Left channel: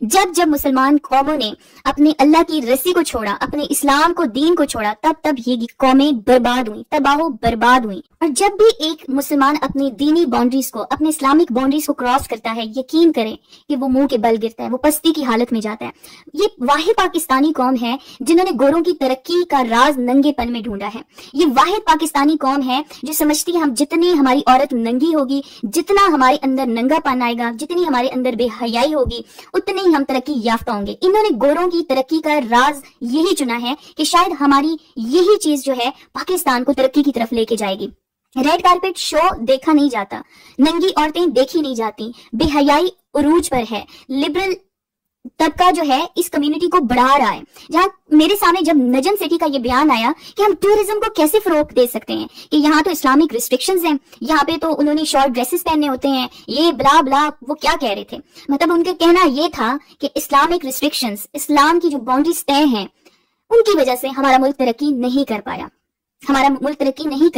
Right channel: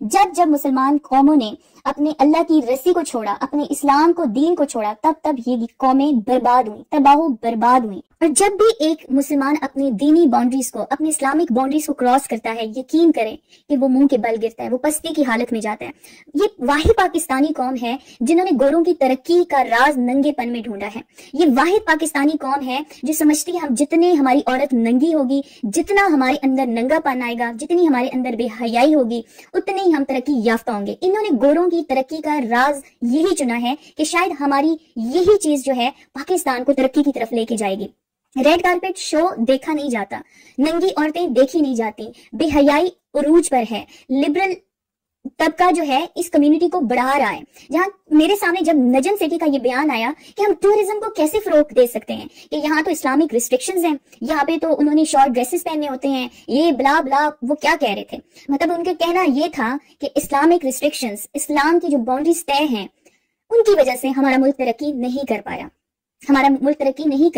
جب جب مسلمان قوموں نے اپنے اللہ کی رسی کو چھوڑا، اپنے اسلام کو، دین کو چھوڑا، تب تب یہ قومیں برباد ہوئیں، تباہ و برباد ہوئیں۔ اور جب بھی ایک مسلمان اپنی دینی باؤنڈریز کو، اپنے اسلامک باؤنڈریز کو کراس کرتا ہے، یقین کرے کہ وہ منہ کے بل گرتا ہے، وہ پستی کی حالت میں جاتا ہے۔ یہ واحد پاکستانی قوم ہے جنہوں نے گوروں کی ترقی کا راز ننگے پن میں ڈھونڈا ہے۔ یہ واحد پاکستانی قوم ہے جو سمجھتی ہے ہم جتنی ہماری عورت ننگی ہوگی، جتنا ہمارے اندر ننگا پن آئے گا، جتنی ہمارے اندر بے حیائی ہوگی، اتنے ہی ہم ترقی یافتہ ہوں گے۔ انہوں نے گوروں کی ترقی کا راز یہی چنا ہے کہ شاید ہماری یہی چیز جو ہے پاکستان کو ترقی کی طرف لے کے جائے گی۔ ریڈ کارپیٹ شو دیکھا نہیں جاتا، ننگی عورتیں دیکھی نہیں جاتی، بے حیائی عروج پر ہے، لبرل طبقہ جو ہے اس کمیونٹی کو بڑھا رہا ہے۔ جہاں میرے سامنے جب نجم سٹی کا یہ بیان آیا کہ ہم ٹورزم کو کیسے فروغ دے سکتے ہیں کہ یہاں تو اسلامک ریسٹرکشنز ہیں، یہاں پہ تو انہوں نے شارٹ ڈریسز پہننے ہوتے ہیں، یہ بلا بلا، وہ کیا کہہ رہے تھے، مطلب ان کا کہنا یہ تھا کہ اسلامک ریسٹرکشنز، اسلام کی جو باؤنڈریز طے ہیں، ان کی وجہ سے ہمارا ملک ترقی نہیں کر پایا، ہمارا ملک ترقی نہیں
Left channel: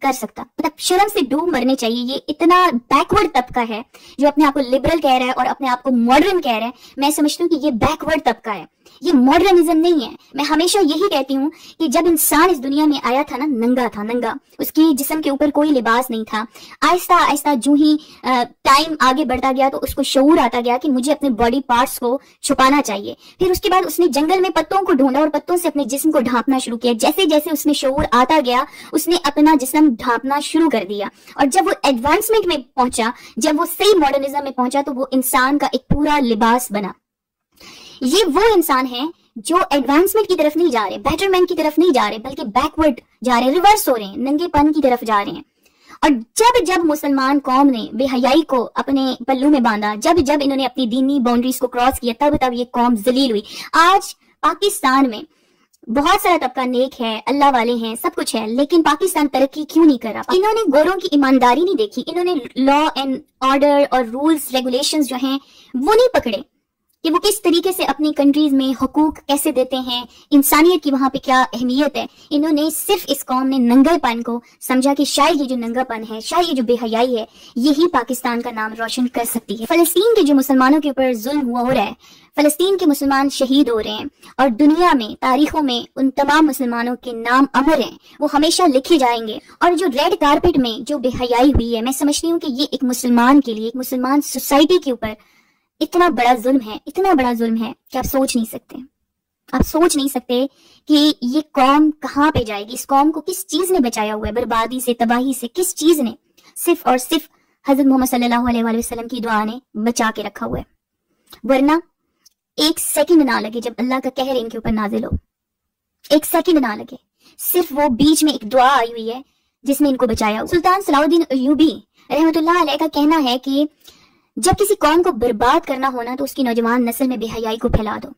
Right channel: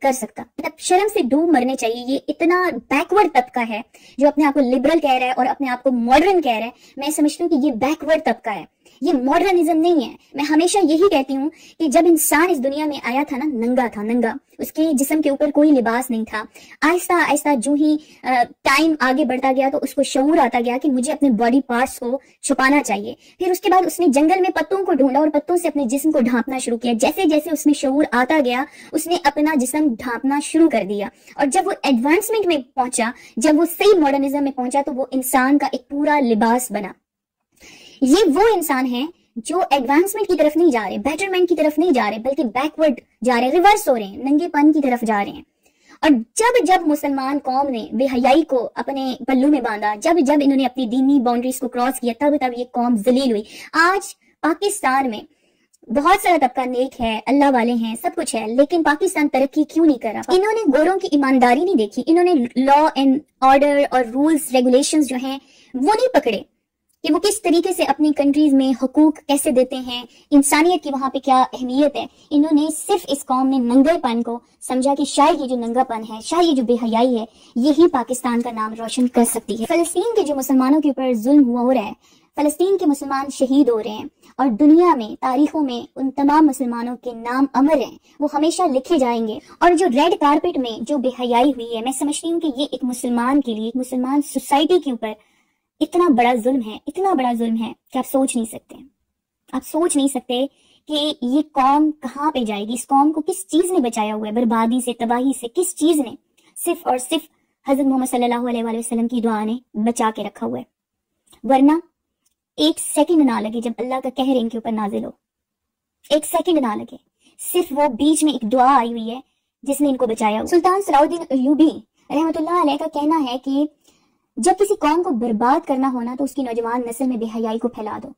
کر سکتا۔ مطلب شرم سے ڈوب مرنے چاہیے۔ یہ اتنا بیکورڈ طبقہ ہے جو اپنے آپ کو لبرل کہہ رہا ہے اور اپنے آپ کو ماڈرن کہہ رہا ہے۔ میں سمجھتی ہوں کہ یہ بیکورڈ طبقہ ہے، یہ ماڈرنزم نہیں ہے۔ میں ہمیشہ یہی کہتی ہوں کہ جب انسان اس دنیا میں آیا تھا نا، ننگا تھا، ننگا، اس کے جسم کے اوپر کوئی لباس نہیں تھا۔ آہستہ آہستہ جو ہی ٹائم آگے بڑھتا گیا تو اس کو شعور آتا گیا کہ مجھے اپنے باڈی پارٹس کو چھپانا چاہیے۔ پھر اس کے بعد اس نے جنگل میں پتوں کو ڈھونڈا اور پتوں سے اپنے جسم کو ڈھانپنا شروع کیا۔ جیسے جیسے اس میں شعور آتا گیا، اس نے اپنا جسم ڈھانپنا شروع کر دیا، اور جب وہ ایڈوانسمنٹ میں پہنچا، جب وہ صحیح ماڈرنزم میں پہنچا تو وہ انسان کا ایک پورا لباس بنا۔ یہ وہ انسان ہیں جو ایڈوانسمنٹ کی طرف نہیں جا رہے، بیٹرمنٹ کی طرف نہیں جا رہے، بلکہ بیکورڈ جا رہے، ریورس ہو رہے ہیں، ننگے پن کی طرف جا رہے ہیں۔ اور جب جب مسلمان قوم نے بے حیائی کو اپنے پلوں میں باندھا، جب جب انہوں نے اپنی دینی باؤنڈریز کو کراس کیا، تب تب یہ قوم ذلیل ہوئی۔ آج پاکستان میں بہت سارا طبقہ نیک ہے، اللہ والے ہیں، سب کچھ ہے، لیکن پاکستان ترقی کیوں نہیں کر رہا؟ انہوں نے گوروں کی ایمانداری نہیں دیکھی، انہوں نے لا اینڈ آرڈر اور رولز ریگولیشنز جو ہیں وہ نہیں پکڑے کہ وہ کس طریقے سے اپنی کنٹریز میں حقوق کیسے دیتے ہیں، انسانیت کی وہاں پہ کیا اہمیت ہے۔ انہوں نے صرف، اس قوم نے ننگے پن کو سمجھا کہ شاید یہ جو ننگا پن ہے، شاید یہ جو بے حیائی ہے، یہی پاکستان کا نام روشن کر سکتی ہے۔ فلسطین کے جو مسلمانوں کے اوپر ظلم ہو رہا ہے، فلسطین کے مسلمان شہید ہو رہے ہیں، اور دنیا میں، تاریخوں میں ان تمام مسلمانوں کے نام امر ہیں، وہ ہمیشہ لکھے جائیں گے۔ اور جو ریڈ کارپٹ میں جو بے حیائی ہوئی ہے، میں سمجھتی ہوں کہ یہ ایک مسلمان کے لیے، ایک مسلمان سوسائٹی کے اوپر اتنا بڑا ظلم ہے، اتنا بڑا ظلم ہے کہ آپ سوچ نہیں سکتے، آپ سوچ نہیں سکتے کہ یہ قوم کہاں پہ جائے گی۔ اس قوم کو کس چیز نے بچایا ہوا ہے بربادی سے، تباہی سے؟ کس چیز نے؟ صرف اور صرف حضرت محمد صلی اللہ علیہ وآلہ وسلم کی دعا نے بچا کے رکھا ہوا ہے۔ ورنہ ایک سیکنڈ نہ لگے جب اللہ کا قہر ان کے اوپر نازل ہو، ایک سیکنڈ نہ لگے، صرف وہ بیچ میں ایک دعا آئی ہوئی ہے جس نے ان کو بچایا ہوا۔ سلطان صلاح الدین ایوبی رحمۃ اللہ علیہ کا کہنا ہے کہ جب کسی قوم کو برباد کرنا ہونا تو اس کی نوجوان نسل میں بے حیائی کو پھیلا دو۔